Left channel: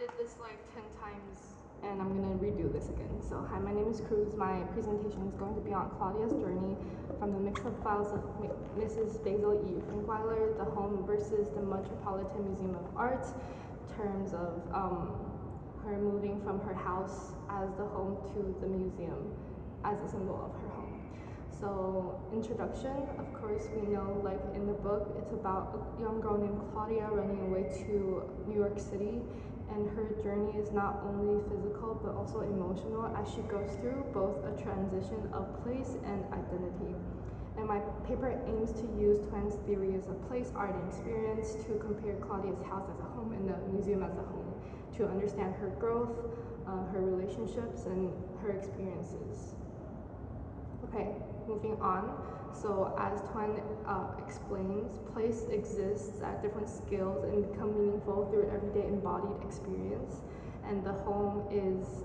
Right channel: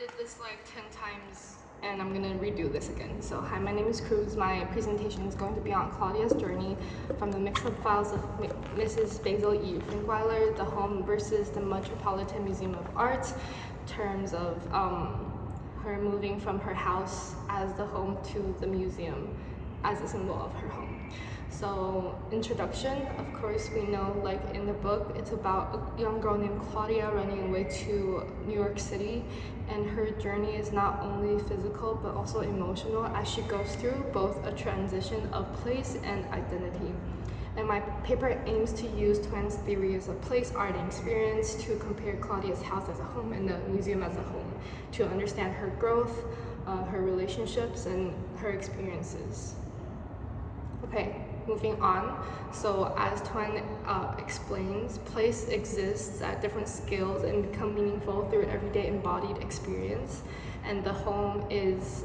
did this like 10 times and I'm gonna redo this again. So hi, my name is Cruz. My presentation is going to be on Claudia's journey from the mix-up files of Mrs. Basil E. Finkweiler, the home versus the Metropolitan Museum of Art, in terms of her moving from her house as the home to the museum as a symbol of her home. So, introduction, of course, we know, like in the book, it's about a young girl named Claudia running away to New York City, and her journey is not only physical but also emotional as she goes through both a transition of place and identity. And my paper aims to use Twen's theories of place, art, and experience to compare Claudia's house as a home and the museum as a home, to understand her growth, her relationships, and her experiences. Okay, moving on. So as Twen explains, place exists at different scales and become meaningful through everyday embodied experience. And the home is,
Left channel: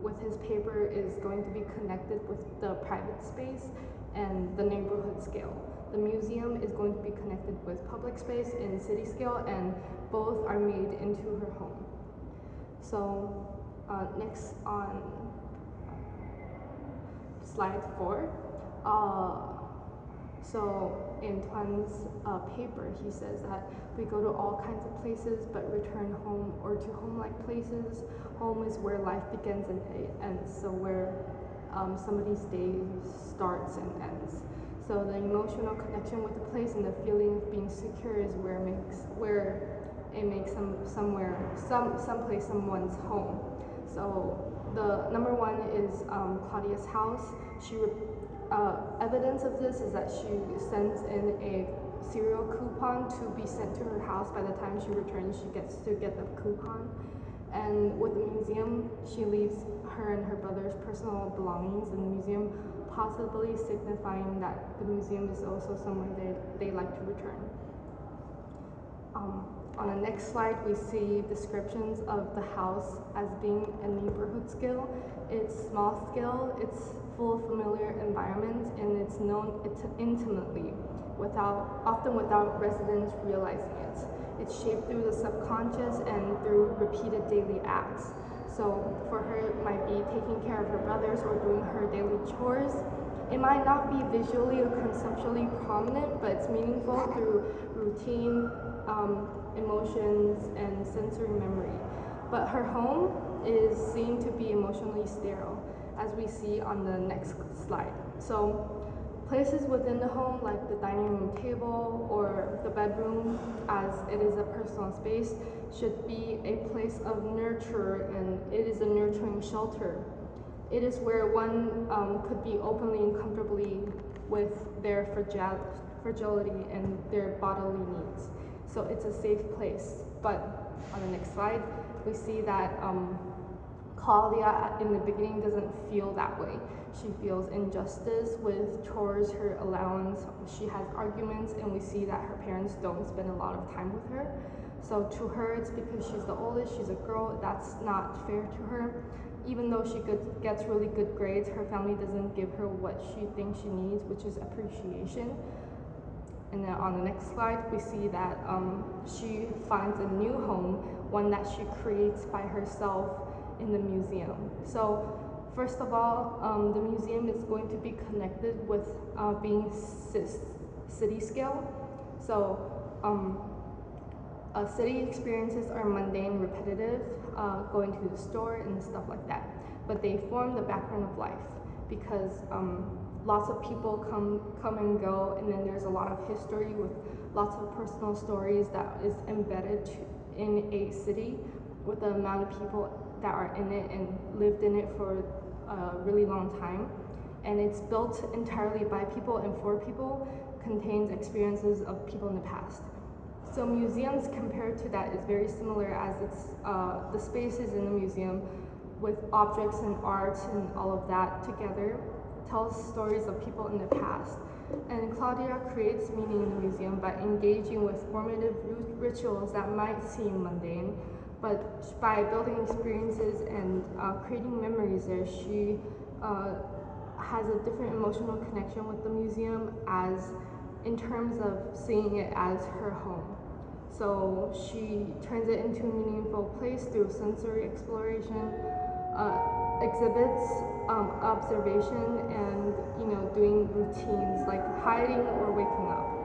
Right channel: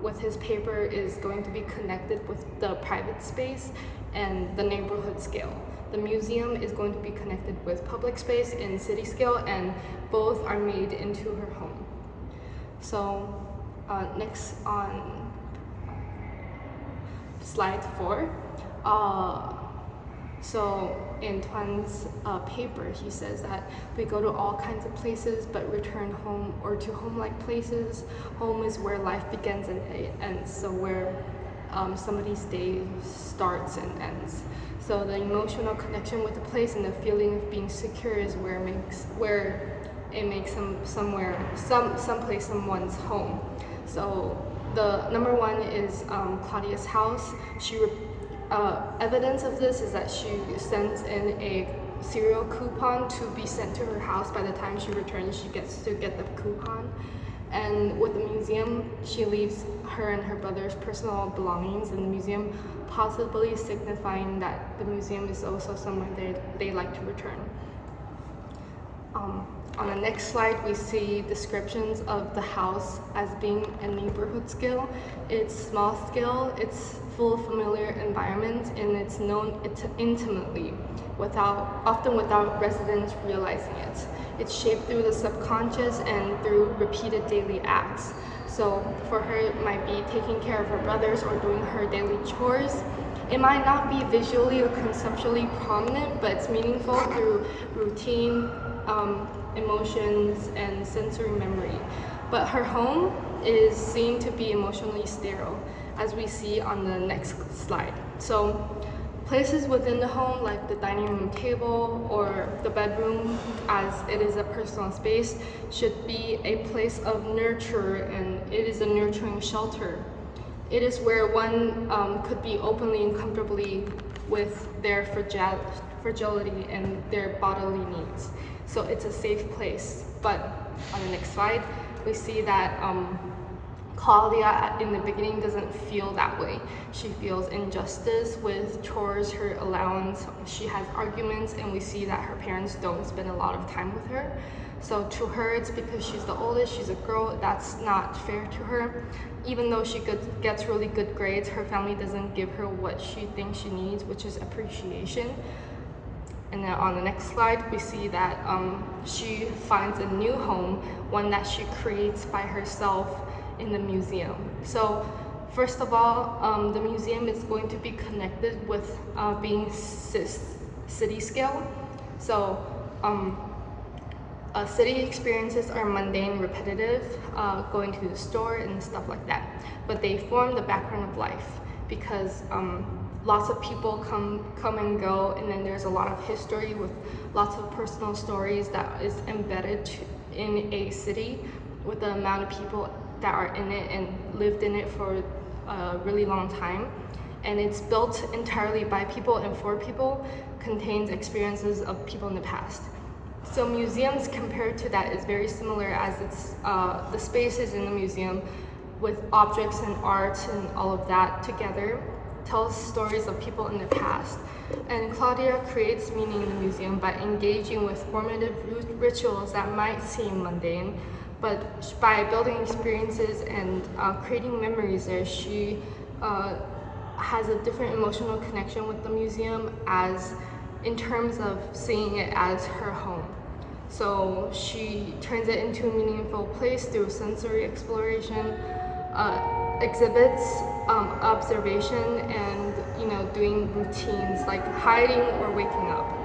with his paper, is going to be connected with the private space and the neighborhood scale. The museum is going to be connected with public space and city scale, and both are made into her home. So next on slide 4. So in Twen's paper, he says that we go to all kinds of places but return home or to home-like places. Home is where life begins and ends, so where somebody's day starts and ends. So the emotional connection with the place and the feeling of being secure is where it makes someplace someone's home. So the number one is Claudia's house. Evidence of this is that she sends in a cereal coupon to be sent to her house. By the time she returns, she gets to get the coupon. And with the museum, she leaves her and her brother's personal belongings in the museum, possibly signifying that the museum is also somewhere they like to return. On the next slide, we see descriptions of the house as being a neighborhood scale. It's small scale, it's full of familiar environment, and it's known intimately, often without residents realizing it. It's shaped through the subconscious and through repeated daily acts. So for her, it might be taking care of her brothers or doing her daily chores. It might not be visually or conceptually prominent, but it's meaningful through routine, emotions, and sensory memory. But her home is seen to be emotionally sterile, as we see on the next slide. So places within the home, like the dining room table or the bedroom, as it is a personal space, should be a place of nurture, and it is a nurturing shelter. It is where one could be openly and comfortably with their fragility and their bodily needs. So it's a safe place. But on the next slide, we see that Claudia in the beginning doesn't feel that way. She feels injustice with chores, her allowance. She has arguments, and we see that her parents don't spend a lot of time with her. So to her, it's because she's the oldest, she's a girl, that's not fair to her. Even though she gets really good grades, her family doesn't give her what she thinks she needs, which is appreciation. And then on the next slide, we see that she finds a new home, one that she creates by herself in the museum. So first of all, the museum is going to be connected with being city scale. So city experiences are mundane, repetitive, going to the store and stuff like that. But they form the background of life because lots of people come and go, and then there's a lot of history with lots of personal stories that is embedded in a city with the amount of people that are in it and lived in it for a really long time. And it's built entirely by people and for people, contains experiences of people in the past. So museums compared to that is very similar, as it's the spaces in the museum with objects and art and all of that together tells stories of people in the past. And Claudia creates meaning in the museum by engaging with formative rituals that might seem mundane, but by building experiences and creating memories there, she has a different emotional connection with the museum as in terms of seeing it as her home. So she turns it into a meaningful place through sensory exploration, uh, exhibits, observation, and doing routines like hiding or waking up.